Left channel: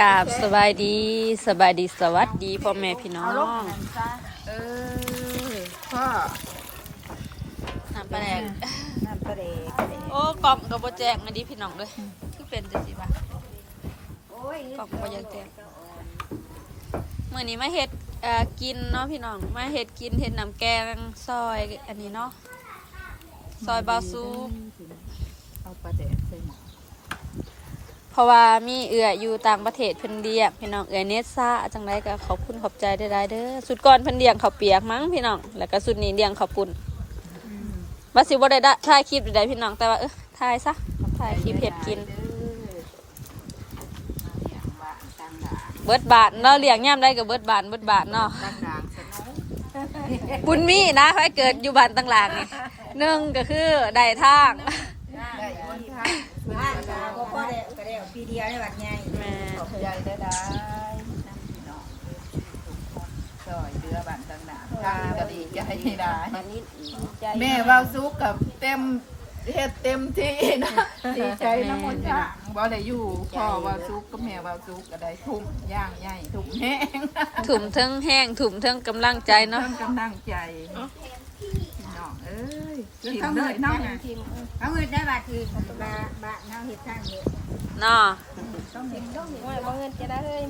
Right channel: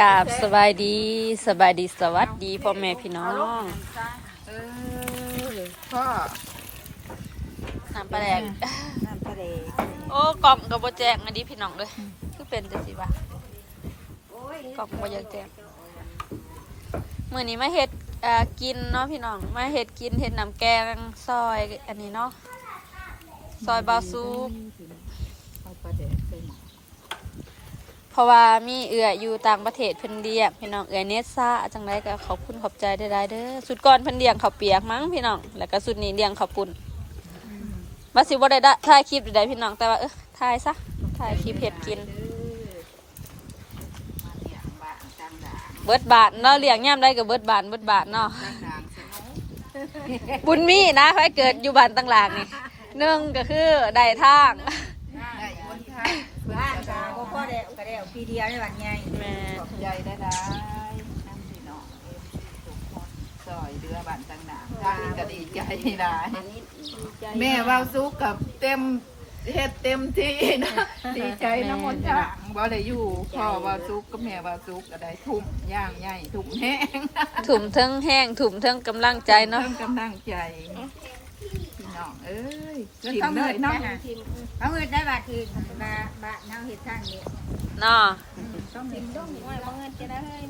กราบสบายดีสบายดีสวัสดีพ่อแม่พี่น้องเออพ่อทำปลาแดกน้ำปลาเดโอ้กล่องกับบแจกอันนี้พี่น้องเลยคือเป็นจังซี่วะกล่องบ่อยากแจกมื้อนี้มาเฮ็ดกินเนาะพี่น้องมาเฮ็ดกินเฮ็ดน้ำแกงซอยอันนี้เนาะซอยบาซูเอาปลาเดใส่หม้อ เพราะว่ามีเอืออยู่ต่างประเทศเพิ่นเรียกพี่น้องเอือเนสซ่าจังไดก็ขอบคุณขอบใจได้ๆเด้อสุดก่อนเพิ่นเลี้ยงเขาเปียกมั้งพี่น้องแล้วก็สุดนี้เลี้ยงเขาปุ้นว่าสิบ่ได้ดะถ่ายคลิปใดๆพี่น้องแต่ว่าเออถ่ายซะถ่ายคลิปเฮ็ดกินเบิดบาทเนาะเลี้ยงย่ำได้ก็เบิดบาทเบิดบาทเนาะต่างด่างสนุกบุญมีนะใครเกิดอยู่บ้านต่างหลางนี่หนึ่งก็คือได้ทาง ได้บนทางเพื่อน บ้าน ก็ ก็พ่อได้ก็ได้ ปีเดียวได้วันใหญ่แม่ขอบใจได้ได้น้ำพี่น้องเอฟซีทุกคนซอยเดือบ้านต่างด่างทางนี้ก็ดีใจได้แม่เว่าซุกกับเต็มเฮ็ดเต็มที่นะดีใจน้ำมนต์จ้างบ่ได้อยู่พ่อเว่าซุกกับแม่เว่าซุกก็ได้ทุ่มย่างใหญ่ทุ่มแห้งถุ่มเทิงแห้งถุ่มเทิงกำลังใจเนาะ เพิ่มกำลังใจพี่ น้องเอ้ยถิ่มเลยเนาะเขาเงินได้บาททีบาบาทเฮาเฮ็ดทางเดียวเนาะต้องเห็นต้องเห็นบ่เงินจะได้เฮ้ย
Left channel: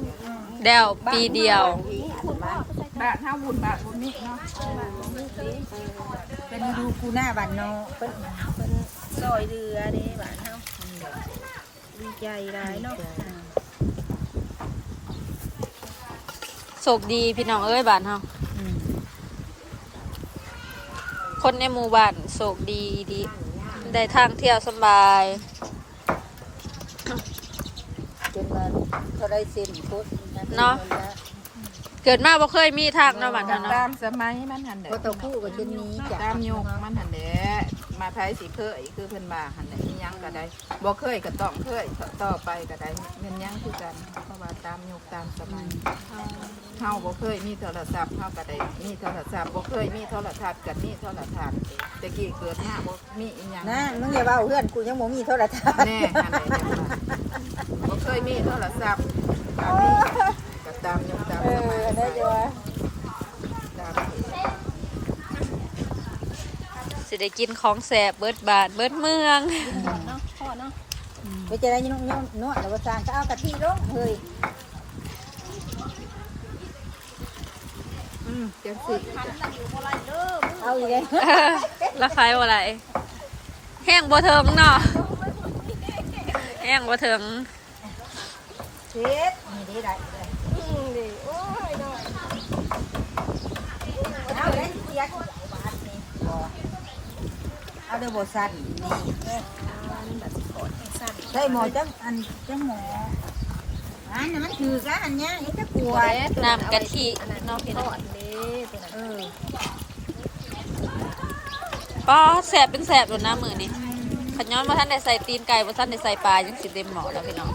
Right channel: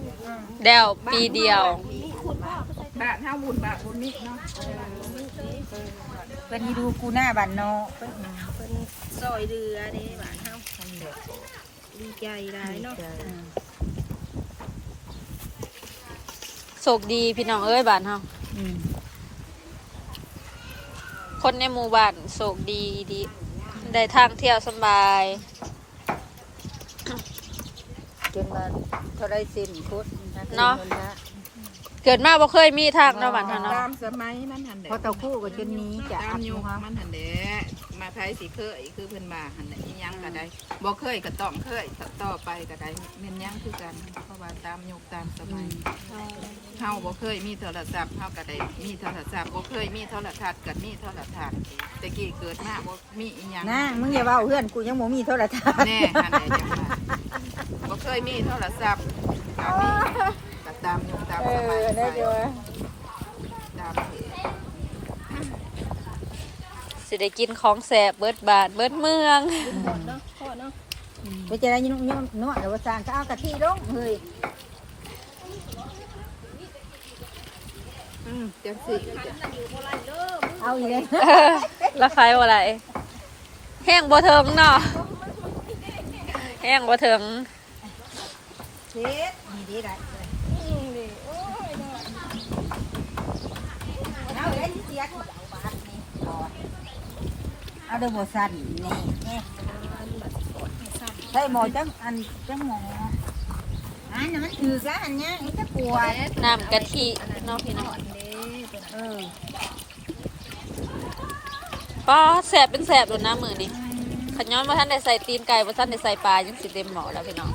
เดวปีเดียวบาทเท่าบุญบาทบุญนี้เนาะเป็นดูกูหน้าบ้านนอกเพิ่นเพิ่นซอยเรือเด้บ้านเฮาทำเด็กดีใจหลายเนาะโชคดีพี่น้องเอ้ยบ้านเฮา คนในหมู่บ้านโชคดีดี ได้ทางเที่ยวสำบายเป็นมาเท่าไรสิ้นพุทธเนาะ เกิดมาบ่เคยมีทางเนาะบ้านเฮาเนาะตามสมัยมันหันเด็พอตะคู่ก็เช่นนี้จ้ะตามยุคมันหันเด็มาไทยสิเคยคือเพิ่นมาหันเด็อีหยังก็ได้บ่เคยก็ต้องเคยต่อไปก็ได้แม่นหยังคือกันเพราะว่าตามยุคตามสมัยเฮาบ่เคยมีโทรศัพท์เฮาก็ได้มีโทรศัพท์บ่เคยมีโทรทัศน์ก็มีโทรทัศน์แต่กี้เกิดมาบ่มีอีหยังนะมึงอย่าเว้าเพื่อนกูยังบ่มีโทรทัศน์แน่หันไหนจังว่าบ่เคยมีโทรศัพท์ก็มีก็ ตามยุคตามสมัยตามเหตุสิได้กินของแสบเบิดบาทเบิดเมือง เนาะพ่อเนาะไปจะได้ยุ่งยุ่งนวดแล้วว่าสร้างก็เอากะทิลงเฮ้ยอืมจังสิเอาอีกเลยราคายว่าไรแห้งบ่เทิงเนาะแห้งบ่เทิงเช็ดนี่ดีได้เลยเอาได้เสียที่ใหญ่บาทนี่เอาได้บ่สั้นนี่ได้หมอจังอันจังหมออันนั้นมันถือซะอันเนี้ยมันจะกลัวน้ำกะทิเนาะพี่น้องเออก็แสบเป็นแสบโดนน้ำมือนี่ขย้อนว่าท่านได้ใส่ตีนไก่ว่าท่านได้ใส่ปลายังสิเต็มหมอแล้วพี่น้อง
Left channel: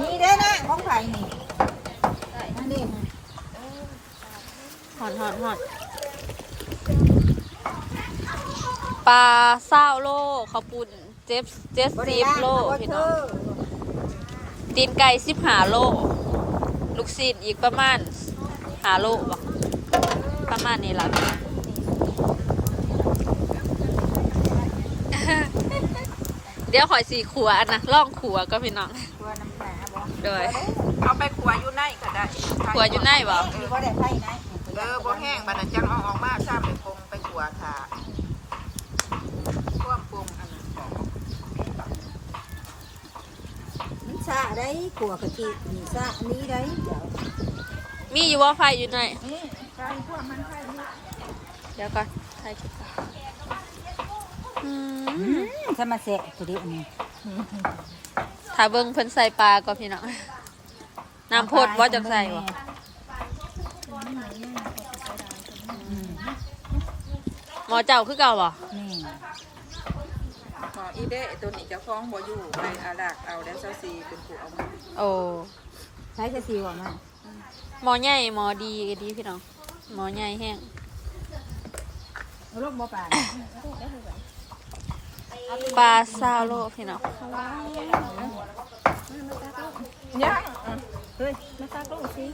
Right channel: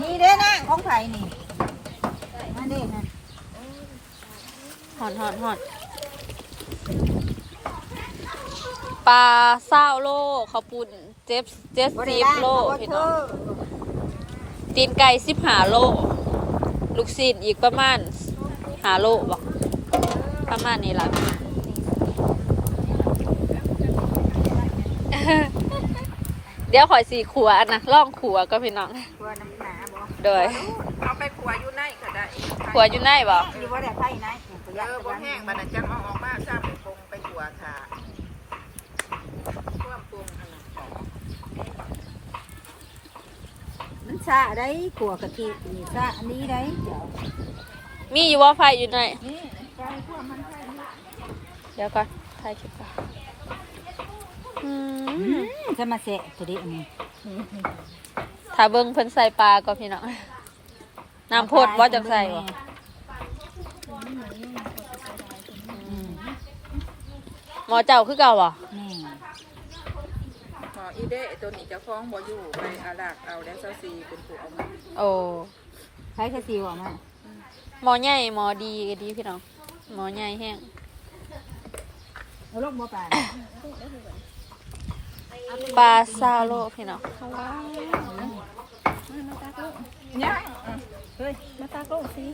นี่เด้นะของไผ่นี่อันนี้นะหอนหอนหอนปลาเศร้าโลข้าวปุ้นเจ็บเจ็ดสิบโลพี่น้องตีนไก่สิบหาโล ลูกศิษย์อีกประมาณหาโลบอกประมาณนี้ละพี่น้องเดี๋ยวขอยสีขัวอันนะล่องขัวก็พี่น้อง โดยเอาไปขัวอยู่ในก็ได้ขัวอยู่ไหนบอกอยู่บ่ได้ไผ่ไหนตัวเอยักอษ์บ่แห้งบัดนั้นจังเอาออกมาซ้ำไปปรุงไปขัวค่ะควบปรุงอันนั้นมันซาได้กลัวกะทินี่ซาอันนี้ได้มีอยู่ว่าไฟอยู่ไหนนี่ใส่พวกมันใส่นี่เดี๋ยวก่อนถ่ายคลิปก่อนอืมจะมาแสะตัวนี้อันนี้ ถ้าเบิ้งเพิ่นใส่ปลาก็พี่น้องน้ำโพดว่าจังใส่บ่หมอเจ้าคือเก่าบ่นี่อ๋ออีเด้ตัวนี้เจะคล้าของบ่อยู่ไปอาลากเอาแล้วเจ้าซีเป็นผู้เอามาโอ้ใช้กระซิวอะมั้งหมอใหญ่หมอดีก็ดีพี่น้องหมอใหญ่แห้งเอเอาลูกบ่ป่านปลาซาโลพี่น้อง เนี่ยเฮ้ยมาตากลูกสิ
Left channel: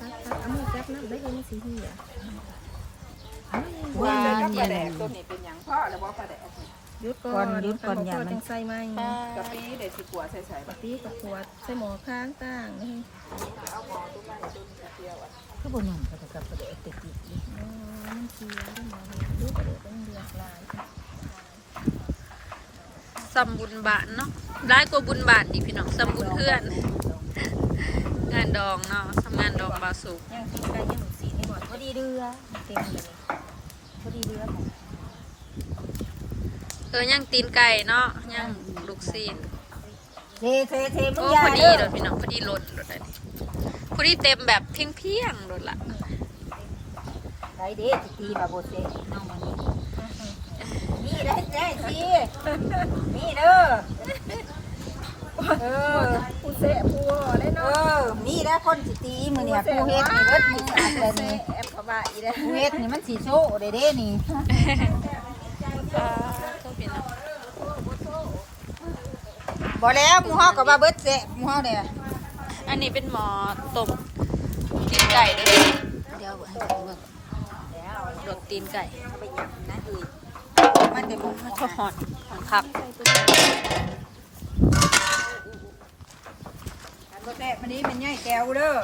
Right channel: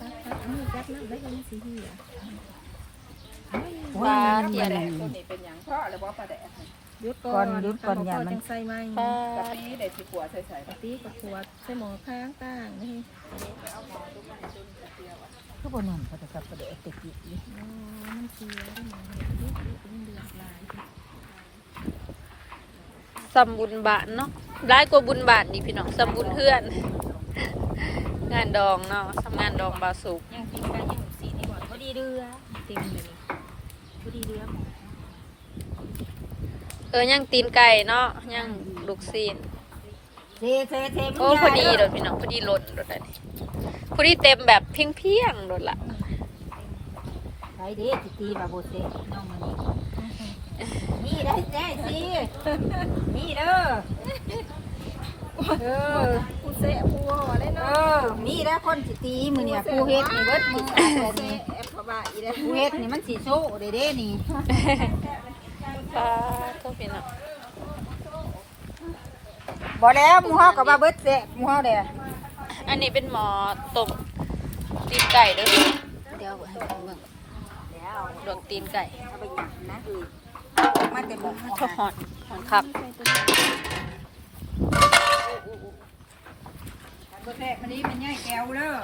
ตักตักเอามือจับน้ำได้เลยมันสีเหี่ยปลาปเทียลานแดแหละกตัวนี้เป็นหยังพ่อหรือว่าปลาแดกนี่หยุดก่อนหยุดก่อนอย่ามันจังใส่ไหมปลากะปิเดี๋ยวสิกัวใส่ใส่ปกติกับขวดใส่หมอข้างต่างนี่ก็บนหนุ่มก็จะกลับไปเด็กติดอีกเลยอ๋อมันเสียได้หมอเห็นดูกระเด็นเดือดลายซัมบุญบาทเนาะ ร้ายกว่าบุญบาทนี่พี่น้องซัมบุญเพื่อน งานดองเนาะทำงานดองบาสุกย่างตีนไก่ย่างสีนี่หมดพอดีเดือเต็มเลยนี่พอดีเดือเออยังตีนไก่เนาะยังลูกซีนเทเทเทมันโอ้ยาพอดีเด้โดอนพี่น้องพอดีหล่นโดนเลยพอดีเต็มแบบเพียงเพียงๆโดนละไปเด้ติตีมาโบเซน้องมันนี่ ได้แจ้สินี่เด้อเออผู้เสะผู้ว่าได้เอเนาะอนี่ได้คนสิตีมือเนี่ยผู้เฮ็ดนี่เบิดนี่ขาดแล้วนี่แอบพบาอีได้ผู้เฮ็ดนี่มันสีโซ่เด้เด้นี่ปลาเท่าพี่น้องบ่แล้วมึงฮอกกับมาเบิดเสะมึงฮอกเด้ออันนี้เป็นหมอต้มตีนไก่เด้อเดี๋ยวให้เบิ่งดวงตีนไก่ มันเต็มก็หอนหอนคักบ่แซ่บมันนี้มันใหญ่แก้วเด้อ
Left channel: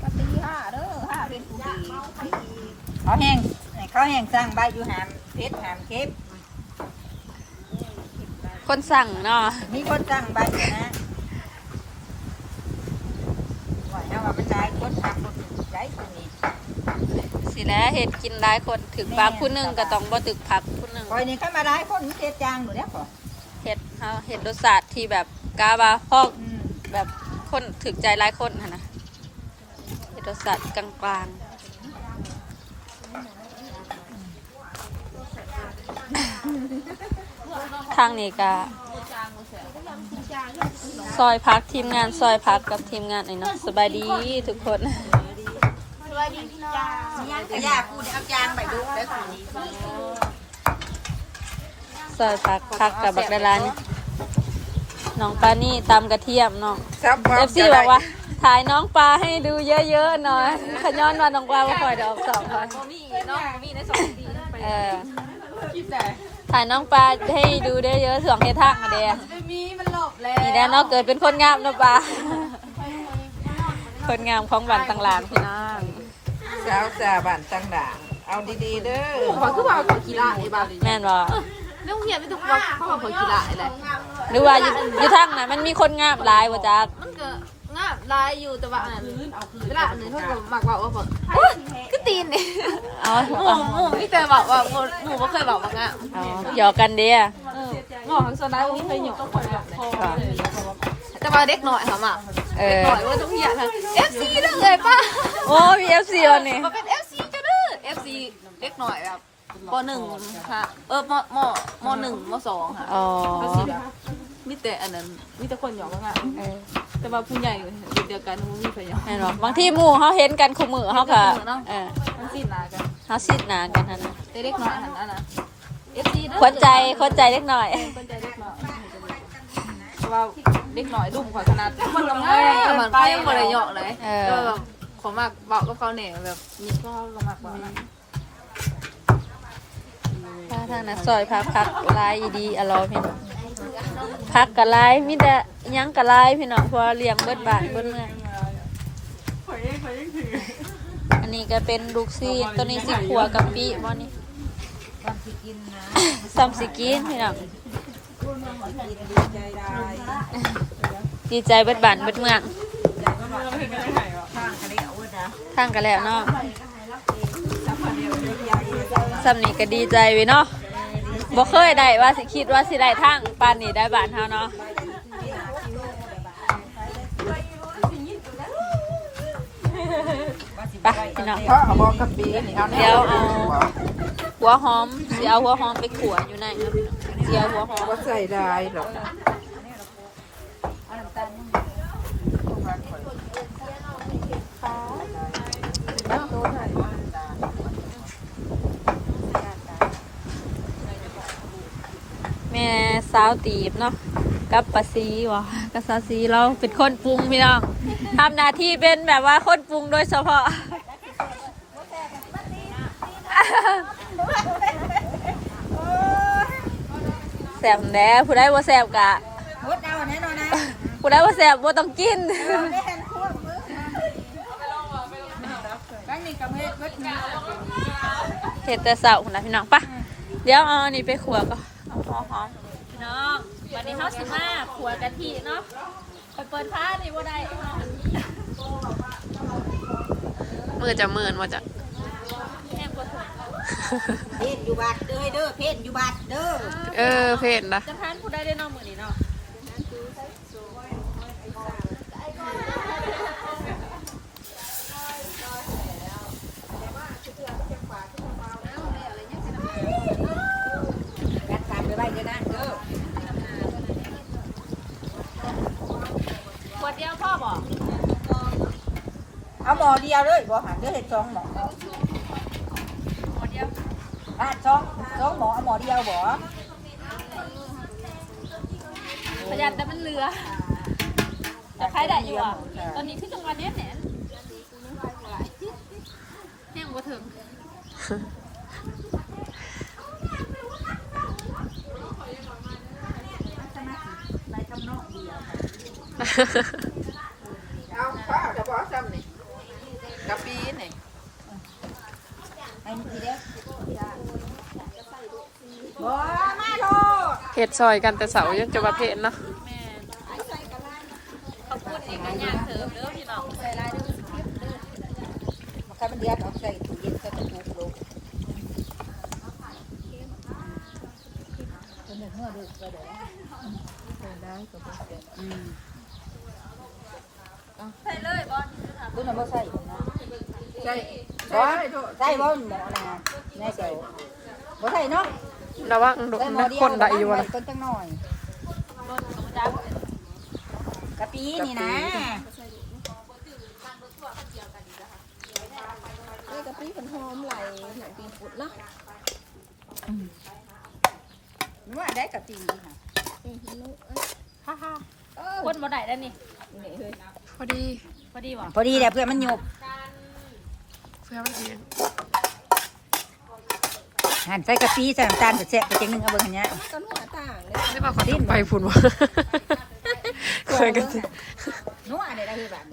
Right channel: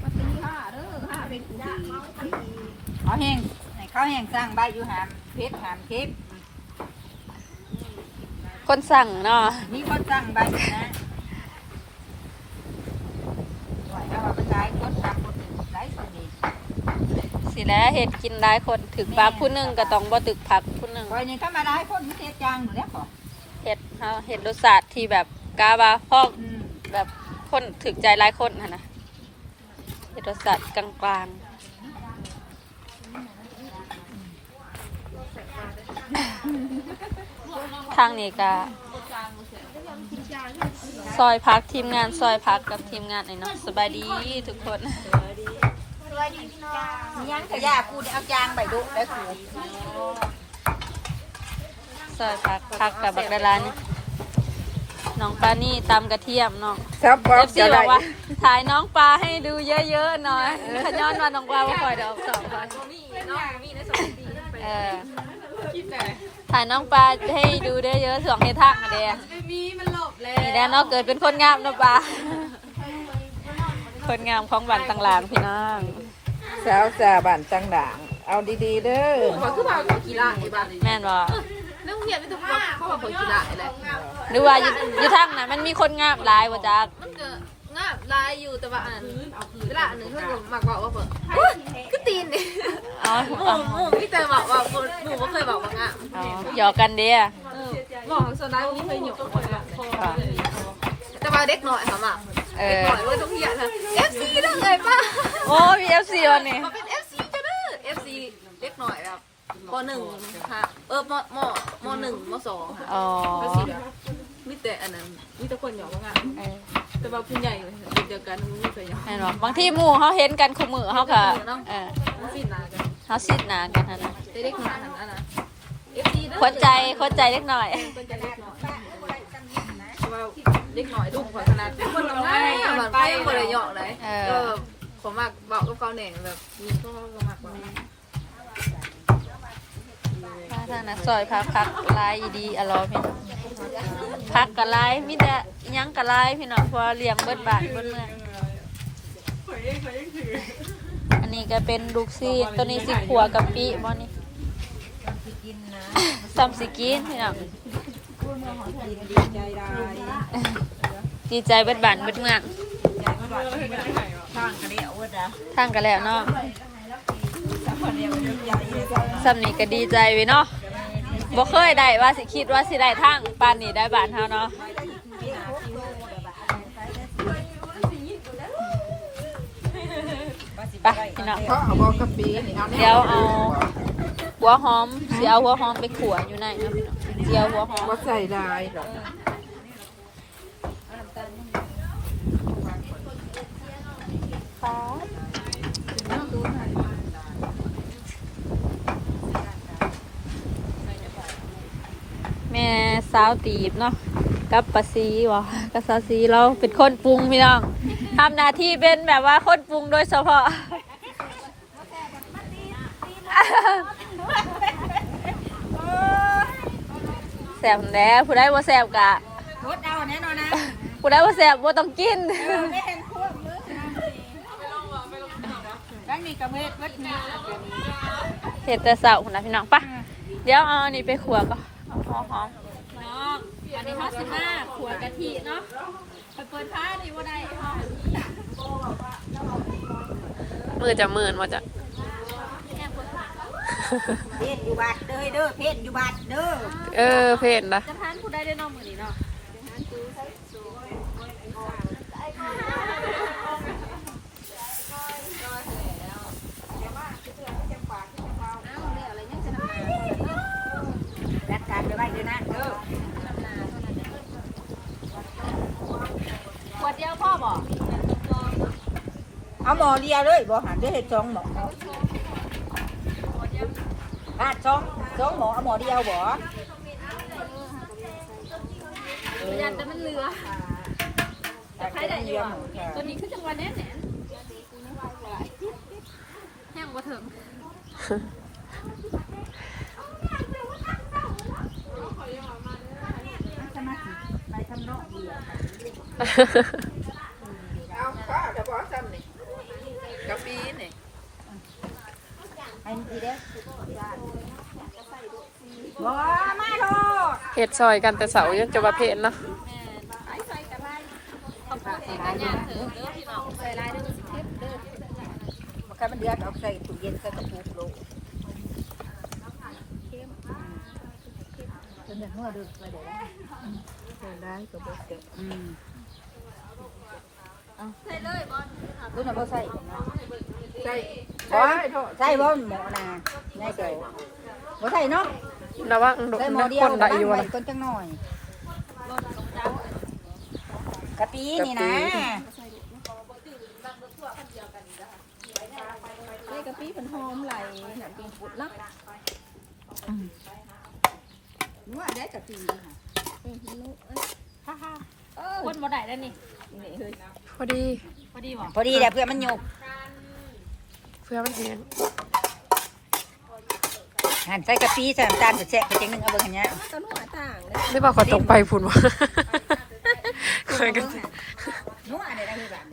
ก็ตีห้าเด้อห้าเป็นผู้ดีเขาแห้งให้เขาแห้งสร้างใบอยู่หามเพชรหามเค็บคนสั่งเนาะมีคนสร้างใบอยู่นะว่าถ้าว่าไปจ่ายคนสร้างบ่ถึงได้ตัวนี้ สิแล้วเห็ดกินได้คนถึกปลาผู้หนึงก็ต้องบ่ถึกผักผู้หนึงคอยนี่เข้ามาได้คนมีเทศจางอยู่แล้วพอเห็ดเฮาเห็ดรสชาติที่แบบกาบาพอกอืมแบบคนถึกใจหลายคนหั่นนะเห็ดรสชาติกลางๆทางนี้ก็ซอยพักทีมงานซอยพักกับทีมงานไอ้เนาะสบายดีทุกคนมี ยังกระยากูเดี๋ยวเอาจางใบดุแล้วกูซอยพักพักกับบักดาลานน้องปลานี่ตำกระเทียมเนาะ เอฟซีบอกว่า ถ่ายน้องปลาให้ดูเยอะๆหน่อยขย้อนว่าน้องปลาว่าคอยเดออกสองคนเออถ่ายน้องปลาให้ดูเยอะๆสวงเฮทักมาเดียมีมันหลบแล้วนี่แน่เนอกเกิดเป็นคนงามเนาะปลาคนงามของบ้านต่างหลางพี่น้อง สาวสาบ้านจังด่าง เอาดีๆเด้อเขาคือว่าเขากีฬาไอ้บ้านแม่นบ่น้องเหี้ยไม่ถูกว่าเขาเขากีฬาอะไรหรือว่าอยู่อยู่ทางน่ะมันมีคนงามหลายบ่จักมันก็ง่าลายอยู่แต่ว่าอันนั้นเวลาอันนั้นเขาก็มักบอกว่าแบบก็ตีนเนี่ยเอาหมูเอาหมูไม่เคยบอกว่าหมูหมูไม่เคยบอกว่าง่ะเอาหยอกกันเดียหมูของโซดาไม่เคยหยิบก็เคยบอกพอแต่ว่าเด็กหน่อยค่ะอะเอเด็กอหน่อยว่าต้องเหี้ยค่ะ FC นั่นเลยป่ะ โอ้มีเอฟซีวันนี้มาเป็น FC ก็เด้อ FC เด็กหน่อยแบบปหนึ่งค่ะ เออมมมหนึ่งมสองค่ะอ๋อมีแต่อันนั้นมีแต่คนหยอกว่าง่ะเออแต่ว่าผู้ใหญ่เดียวกันไม่เคยหยอกแน่นอนบางที่หมู่เขาเห็นกันคู่มือเขาค่ะเออทั้งสิ้นนากันเขาซิดหนากันนะนะเด็กหน่อยหันอันนั้น FC เด้อคนใจคนใจเล็กหน่อยคนใจเด็กหน่อยเพราะว่าเด็กหน่อยดุกกว่าขนาดคนละง่ายเหมือนเพ่งเลยหยอกเลยเอเอ ผมมักบอกกับเขาเนี่ยแบบมีก็ละมักว่าถ้าทางนักซอยพักพักลายดีอร่อยพี่น้องพักกับลายมิแต่หยังกับลายพี่น้องเพราะว่าเลี้ยงเบิดบาทเบิดเมืองอันนี้ก็เป็นลูกซีนตัวนี้สิขัวกะปิบ่นี่ซัมสิกินพี่น้องดีใจเบิดบานเบิดเมือง ทางกันแล้วเนาะสำนีก็ดีใจเว้ยเนาะบ่เคยได้ว่าสิคิดว่าสิได้ทางปานนี้ได้บ้านเฮาเนาะไปพี่น้องเพราะเดี๋ยวเอาหัวหอมเดี๋ยวหัวหอมไปขัวอยู่ในเนาะพี่น้องเดี๋ยวหัวหอมก็ใส่ได้หรอ แม่สาวตีบเนาะกับปาซีวะกับซาซีเราเป็นคนปรุงพี่น้องทำหน้าที่เป็นแบบว่าคนปรุงโดยเฉพาะแสบแน่ผู้ได้ว่าแสบกะผู้ได้ว่แน่ะผู้ได้ว่าแสบว่าต้องกิน นี่กับเฮ็ดวัดนี้เห็ดแต่เสาคุณนะพี่น้องปะเดี๋ยวเอาอันนี้ไปขัวก็เอาพอหอมพี่น้องวันนี้เขาสิมาขัวกะทิเนาะไปเปิดผ้านี่ว่าได้มือจะหมื่นว่าจะเพศอยู่บัดเด้อเด้อเพศอยู่บัดเด้อเออเพนนะจะทานผู้ได้ได้น้องมือนี้เนาะ จัดการไปไว้เด้อนะเด้อ ขวดเดียวพ่อบอก เอาหมอเดียวเลยบ่หันเด้อเฮ็ดสองหมออะสองสองหมอเอาหมอเดียวบ่พยานแต่มันเหลือจะใครได้อยู่อะตอนนี้คือจังหวะเนี้ยแหนแห้งกว่าถึง เอาป้าจะบอกซ้ำนี่กะปีนี่ อันนี้เด้อบ่ไม่โทษ เฮ็ดซอยกันแต่เสายังจะมาเพนเนาะมันเดือดเอาใส่ถุงเย็นใส่กระปุกลงเป็นหัวดึกก็ได้ใส่ได้ก็บ่เสร็จอืมใส่เลยบ่รู้นะบ่ใส่ใช่ใส่ใส่บ่หมอนะไม่ใส่บ่ใส่เนาะ ระวังโดนนะคนได้อยู่วะล่ะต้นจังหน่อยกะปีนี่นะกะปีเป็นหอมไหลหนังปีปุดเนาะนึกว่าได้กะปีค่ะคนบ่ได้แล้วนี่พอดี พอดีบ่พอดีแหละเพื่อนมันหยบเพื่อมันแห้ง หั่นใส่กะปีใส่น้ำตาลจะแซ่บไปจังนึงเอาเบิ่งหันเนี้ยไม่บอกเขาตกไปพุ่นวะเคยกันนัวอะไรได้คือแบบ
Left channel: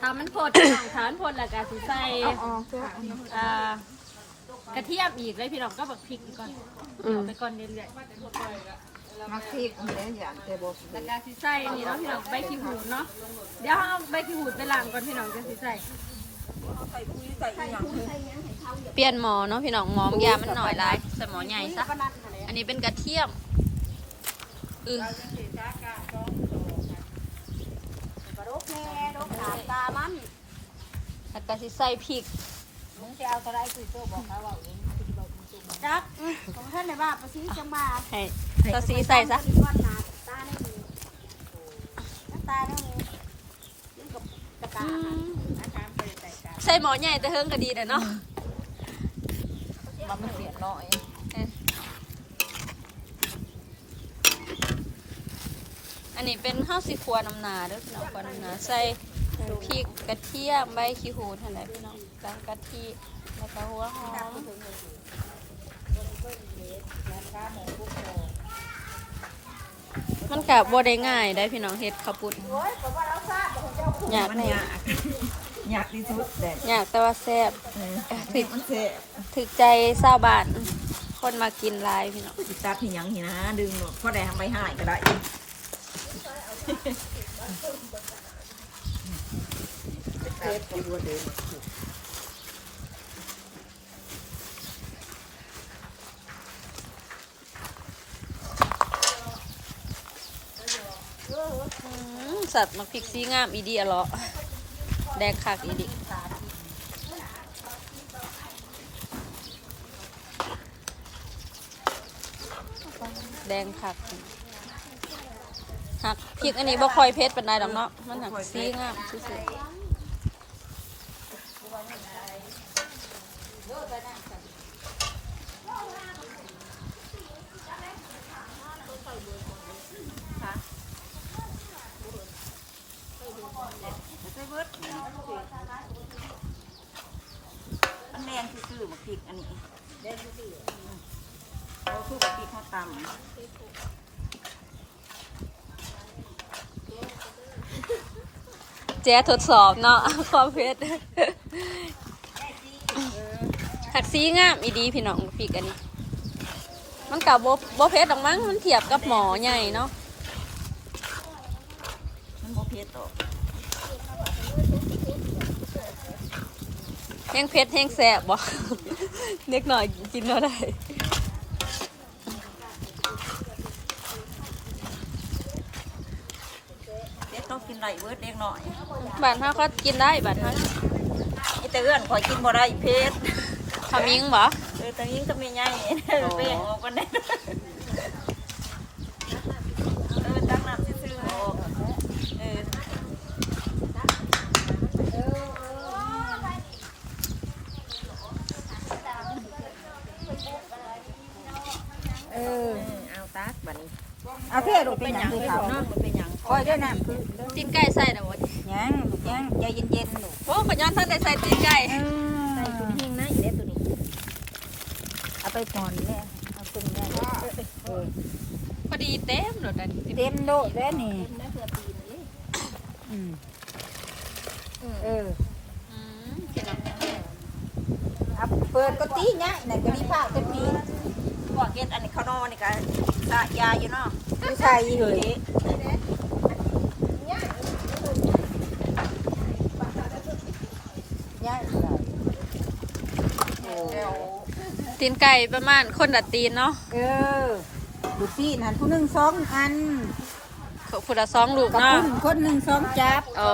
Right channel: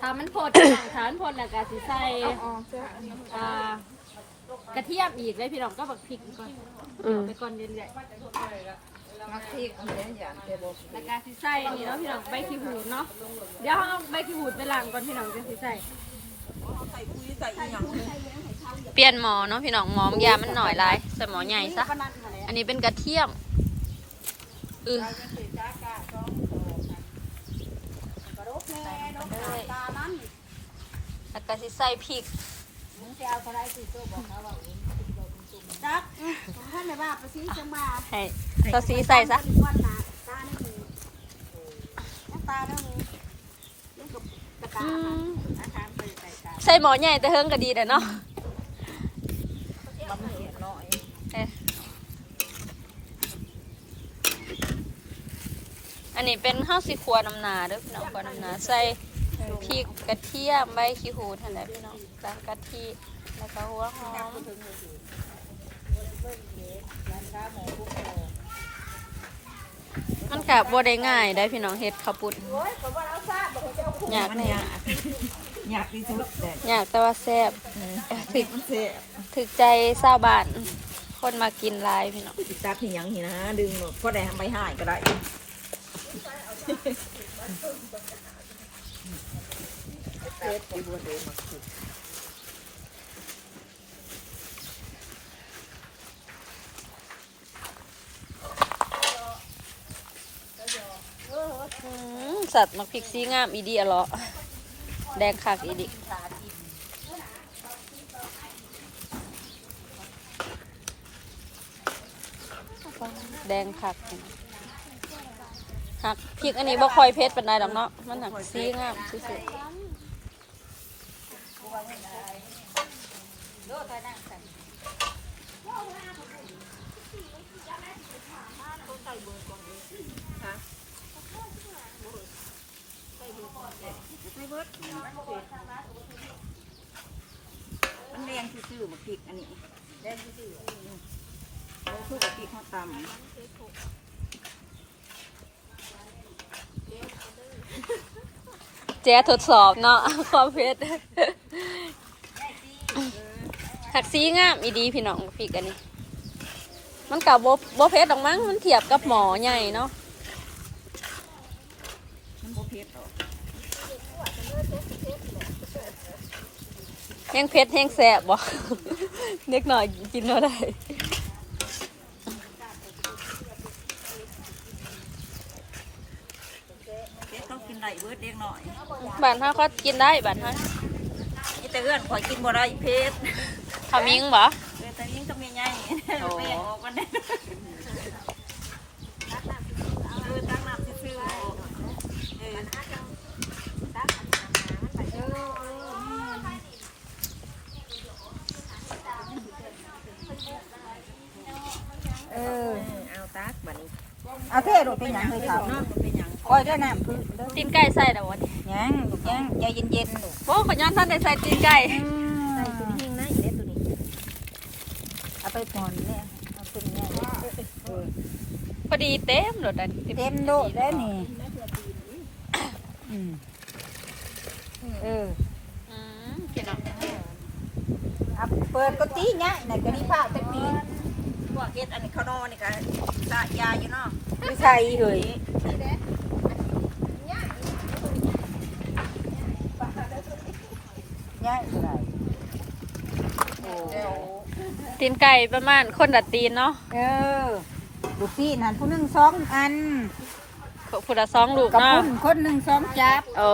ถ้ามันพดถ้ามันพดแล้วก็สิใส่อ่ากระเทียมอีกเลยพี่น้องก็บักพริกอีกก่อนอืมไปก่อนเรื่อยมักพริกมันเป็นอย่างเดบๆแล้วก็สิใส่นี่เนาะพี่น้องใบขี้หูดเนาะเดี๋ยวเอาใบขี้หูดไปล้างก่อนพี่น้องจะสิใส่ เปลี่ยนหมอเนาะพี่น้องหมอมยามันหน่อยลายใส่หมอใหญ่ซะอันนี้เป็นกระเทียมเออตามันแล้วก็สิใส่พริกมึงจะเอาอะไรคือโซ่บอกเขาว่าเองจักของท่านในบ้านประสิจังมาให้ตัวสีใส่ซะวัดหนาตาไม่มีตาต้อง ใส่หมอใหญ่แต่เฮิงก็ดีแต่เนาะมันเสียน้อยอันนี้เป็นข้าวสีครัวน้ำหนาเด้อพี่น้องครัวน้ำหนาใส่พริกกระเทียมใบขี้หูดนั่นแหละพี่น้องตามกะทิแล้วก็หัวหอมมันกับบัได้ง่ายได้พี่น้องเฮ็ดข้าวปุ้น ยากมันแน่ยากยากที่สุดเลยอยากแต่ว่าแซ่บถึกมันเสียถึกใจชาวบ้าน คนมากินหลายพี่น้องติดตาพี่ยังหินะ ดึงหมดพอได้ทำใบหายก็ได้เทปไปบัวเทมาขุด อืม สัตว์มักพริกซีงามอีดีอะเลาะแดงคักอีดีแดงคักหักพริกอันนี้บ่ค่อยเพชรเป็นใดดอกเนาะมันหักซีงามซื่อๆ มันแรงซื่อๆมาพริกอันนี้แรงซื่อๆเราคู่กับพริกข้าวตำแจ๊ทดสอบเนาะความเพชรหักซีงามอีดีพี่น้องพริกอันนี้ มันกับโบเพชรดอกมั้งมันเทียบกับหมอใหญ่เนาะมันโอเพชรหรอก แห้งเพชรแห้งแสบบ่เล็กหน่อยกินเท่าได้เพชรต้องกินไรเบิร์ดเล็กหน่อยบ้านเฮาก็กินได้บ้านเฮาไอ้แต่เอื้อนข่อยกินบ่ได้เพชรทำยิงบ่เออแต่ยิ่งก็มีไงเป้งออกกันได้เออตั้งน้ำซื่อๆออกเออ เออ เอาตักบัดนี้ เอาเพ่ ลูกเป็นหยังคือเขาเนาะเป็นหยังคอยได้น้ำพึ่งตีนไก่ใส่แต่ว่ายังยังใจเย็นๆลูกโอ้ขย้อนท่านได้ใส่ตีนไก่ใส่ตัวนี้หิ้งนะอีเด็ดตัวนี้เอาไปก่อนเนี่ยเอาขึ้นเนี่ยเออพอดีเต็มรถอันนี้เต็มโลดแล้วนี่อืมเอออืมพี่น้องเอาเปิดก็ตีเนี่ยไหนก็มีผ้าเต็มปี พวกเฮ็ดอันนี้ข้าวนอกนี่ก็สะยาอยู่เนาะ ไม่ใช่เลยเนี่ยตีนไก่ประมาณคนละตีนเนาะ เออ ลูกพี่หันผู้หนึ่งสองอันพุทธสองลูกกับเนาะคุณคนหนึ่งสองจับ โอ้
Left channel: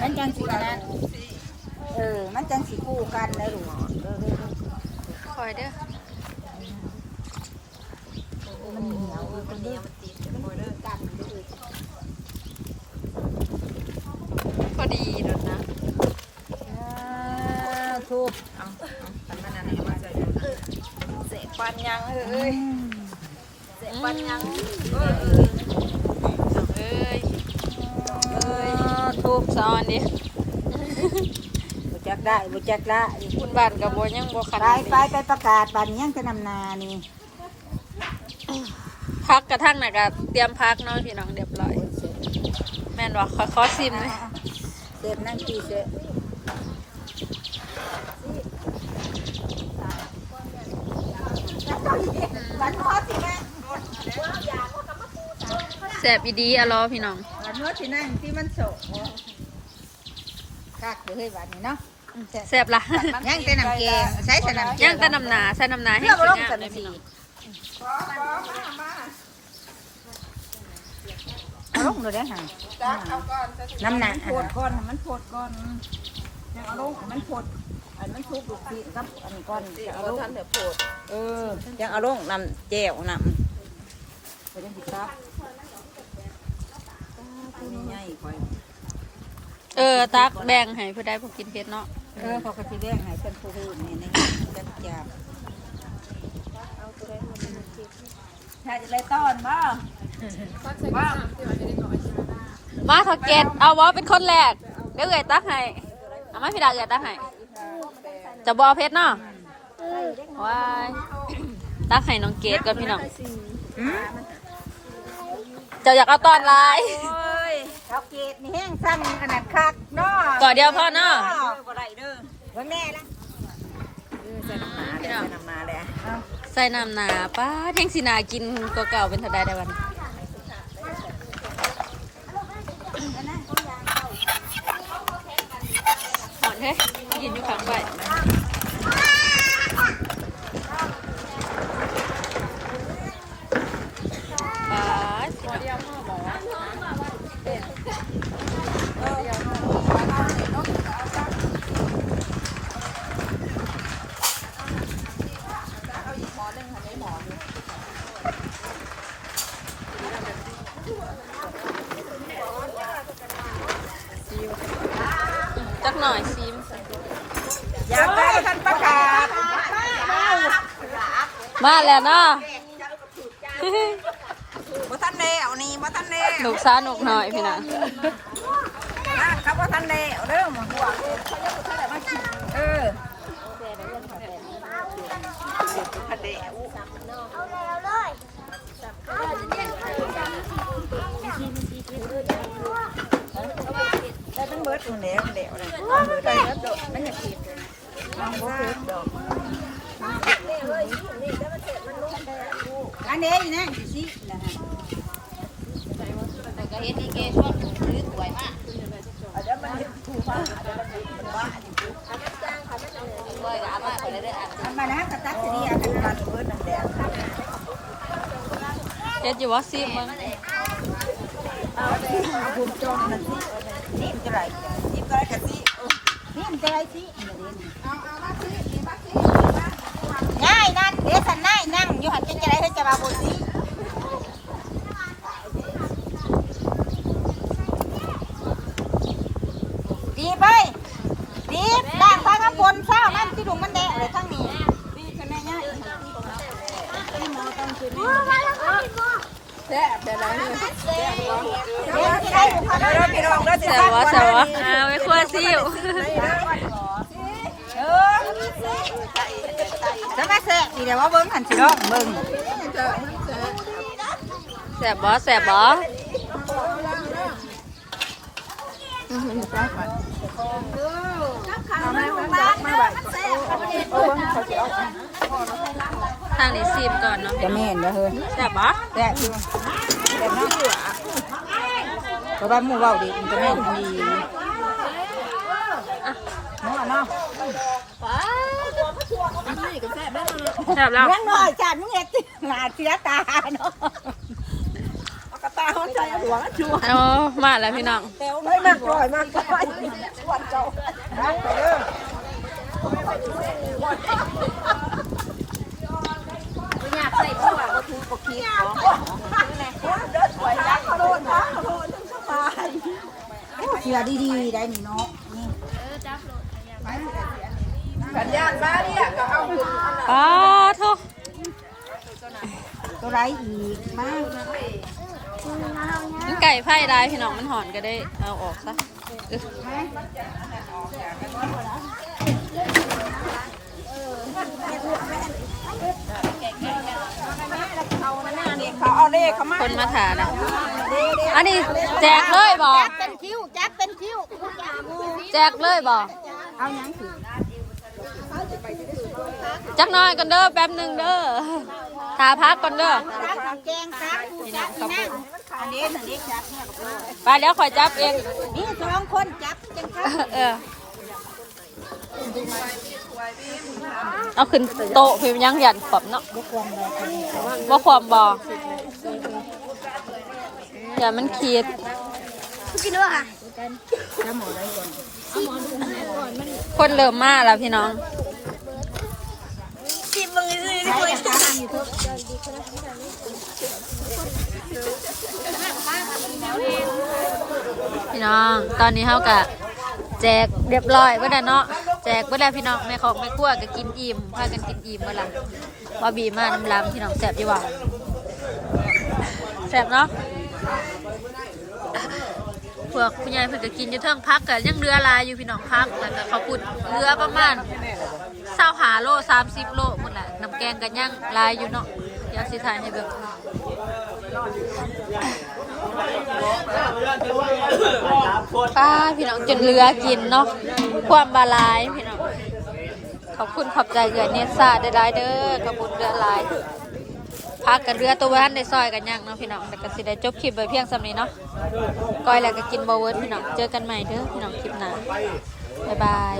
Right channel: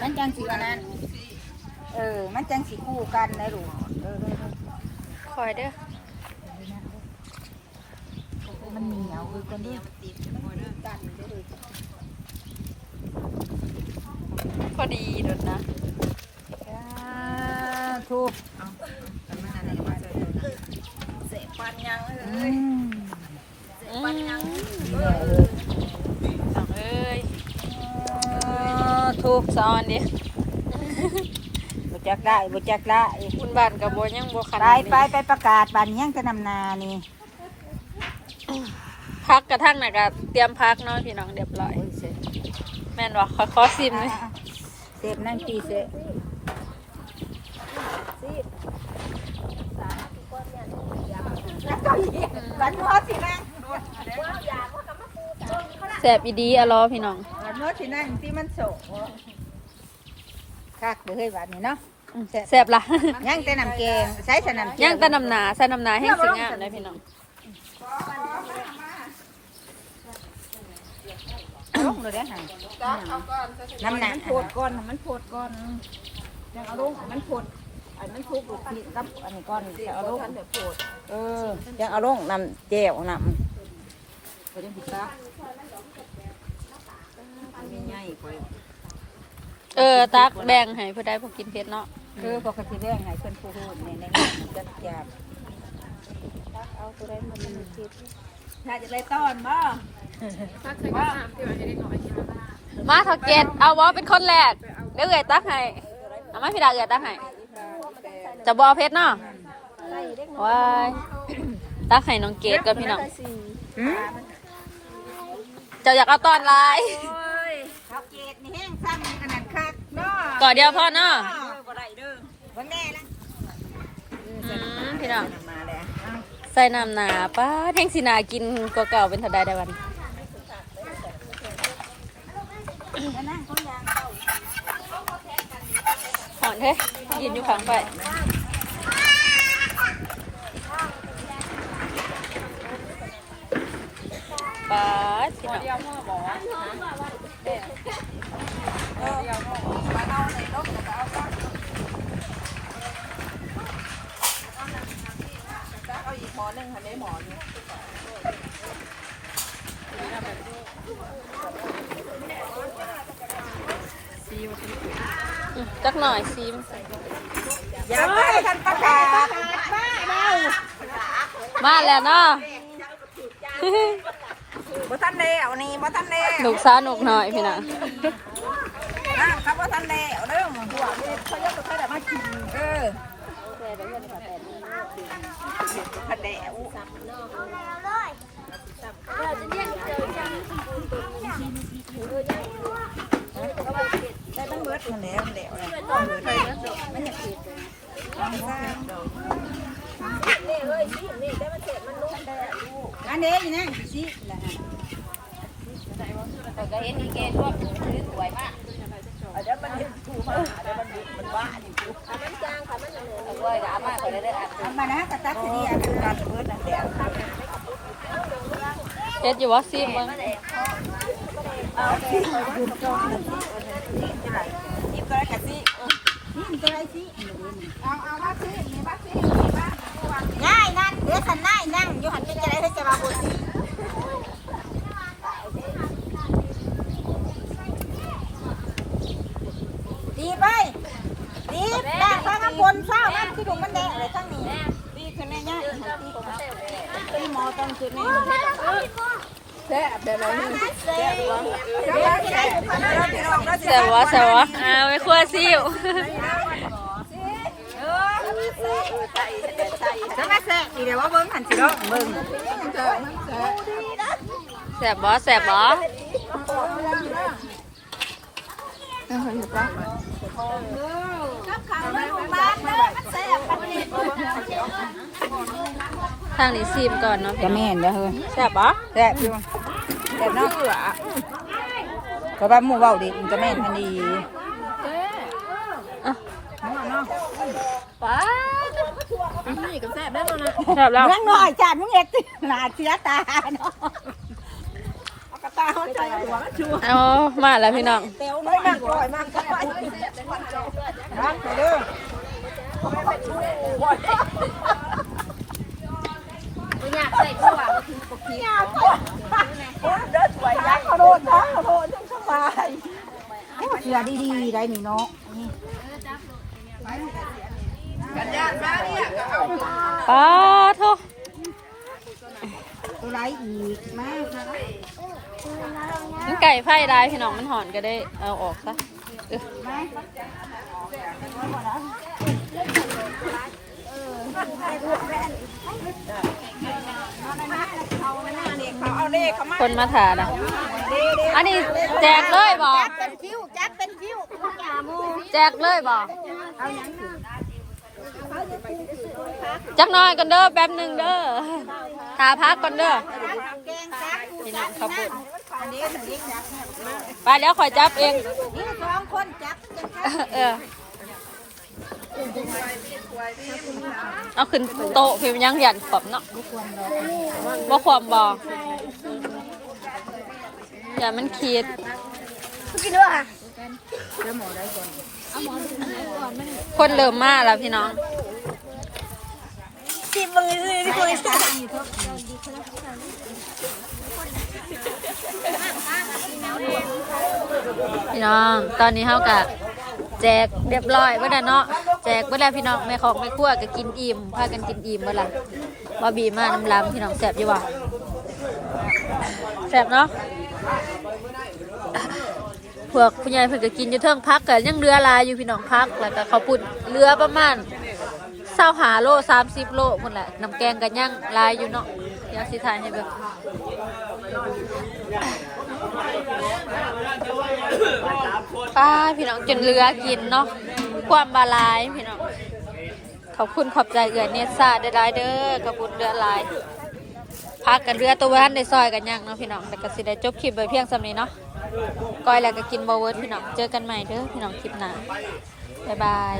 มันจังสีอันนั้น เออ มันจังสีคู่กันนะลูกเออเออคอยเด้อ เออมันเหนียวดูกันด้วย มันกันด้วยพอดีรถนะอ่าถูกเอาเอาปันมันอันไหนเอามาใส่ตัวนะเสะปันยังเอออืมอืมน้องเอ้ยทูบซ้อนดิบุจักได้บุจักได้บุญบ้านกับโบยังโบขไปนาดไปนี้ไปประกาศบันยังจะนำนานี่ พักกระทั่งน่ะก็เตรียมพักเนาะพี่น้องเรียบร้อย แม่นวะขอขอซิมเลยเสพนั่งตีเสพแสบอีดีอะรอพี่น้องมันเมื่อที่นั่งที่มันโศกคักเด้อบันนี้เนาะแสบละยังแต่น้ำแกงใช้แต่น้ำแกงย่างแตะนำหนาใส่นำหนาให้เพื่อมาสลวยงงามสันเลยสีพี่น้อง ลง เลยเด้อห่างน้ำหนักมันโพดก่อนมันโพดก่อนยังเอาลงมันโพดอันมันทุกลูกพี่กับอันนี้ก่อนเอาลงทันเดี๋ยวโพดเออยังเอาลงนำแจ่วนำไปเล่นผิดครับมีง่ายกว่าเออตักแบ่งให้เพื่อได้พวกกินเผ็ดเนาะเออปกติแรงให้เพื่อนผู้รู้ในในจัดจานถ้าจะเลยต้อนบ่ มาทอเกตเอาวอเป็นคนแรก เดี๋ยวเอ๋ยตักให้ เอามาพี่ดาเอ๋ยตักให้ จะบอเพชรเนาะว้ายตักให้น้องเกดกับพี่น้องเจ้าอยากเอาตอนลายเขาเกตนี่แห้งซ้ำขนาดคักเนาะก่อนเดียวพ่อเนาะไว้แม่นะพี่น้องนำมาแล้วใส่น้ำหนาป้าแท่งสีนากินก็เก่าเป็นเทัดได้ได้วัน หอนเฮ้ยยืนอยู่ข้างไปป้าพี่น้อง จักหน่อยซิมอยากได้ท่านประกาศมาแล้วเนาะบ่ทันแล้วนี่บ่ทันแล้วลูกสาวนุกหน่อยพี่น้องนั่นครับบ่ทันแล้วเด้อมึงเออได้ตั้งเบิดมันแล้วมันแล้วเลยมันอยากกินอันนี้นะสินะอันมานะกระตักทีอันนี้มันเบิดนั่นแหละเจ็ดอยู่ว่าซิมมึงยืนจองนั่นสิเออนั่น ง่ายนั่นเดี๋ยวสันง่ายนั่งอยู่หันจะจะไรให้จะมาบุสิดีไปดีด่างฟ้าข้างบนเศร้านั่นที่ดุมันแดงเลยข้างนี้ดีขึ้นแน่ง่ายตีหมอต้องขึ้นแน่ แซ่บได้ไรแซ่บบ้างแซ่บแซ่บวะแซววะอ้าไม่คั่วซิวจะมาแซ่อีเดี๋ยวว่าเบิ้งหันสิรอบเบิ้งแซบบ่แซบบ่ ทางนี้ซิมก่อนเนาะจะมีเห็นไหมเฮ้ยแซบบ่แซ่บเพราะว่ามึงเบาดิมันจะไม่เห็นมันดีเนาะเนาะแซบแล้วนั่งหน่อยจ้ามึงเอ็ดหนาเสียตาเนาะกระตาหัวใจหัวชัวเอามาแล้วพี่น้องเตวไม่มากปล่อยมากปล่อยวันเจ้าเด้อเขาโดนนะเขาโดนตาย เสียดีๆได้นี่เนาะสัญญาเนี่ยก็เอาป้าโทตัวไรอีกมากมันไก่ไผ่ได้พี่น้องมันหอนก็ได้เอาออกซะคนมาถ่านะอันนี้แจกเลยบ่เป็นคิ้วแจ็คเป็นคิ้ว แจกเลยบ่จักหน่อยกันเด้อแป๊บหนึงเด้อทาพักก่อนเด้อแกงซักพี่น้องขับปุ่นอันนี้มันนี่จับเนี่ยไปแล้วขอยจับเองนี่สองคนจับจังซักเออเอาขึ้นโต๊ะพิมพ์ยังหยันปรับเนาะว่าความบออย่ามันขีดค คนเริ่มมาแล้วพี่น้องพี่น้อง ตอนนี้เขากะแจกเรียบร้อยเมื่อเนาะแจกเมื่อแล้พี่น้องแม่ของแม่ครัวก็กินอิ่มพากันกินอิ่มเมื่ละบาบีมาน้ำล้ำพี่น้องแสบอยู่บ่แสบเนาะ พวกผู้ใหญ่เพิ่นก็กินอยู่เทิงพักก็ยังเรือลายอยู่พี่น้องพักแล้วก็เขาวปุ้นเรือประมาณเศร้าหาโลสามสิบโลหมดแหละน้ำแกงกันยังลายอยู่เนาะเดี๋ยวสิทายให้เบิ่งป้าพี่น้องจนเรือกินเนาะความบาลายพี่น้องขอบคุณขอบใจเอือเนสซาได้ได้เด้อกระบุญเรือลายพักกันเรือตัววันได้ซอยกันยังเนาะพี่น้องแต่ก็สิได้จบคลิปไปเพียงสำนี้เนาะ ก้อยแล้วก็กินบอเวิร์ดพี่น้องเจอกันใหม่เด้อพี่น้องคลิปหน้าบ๊ายบาย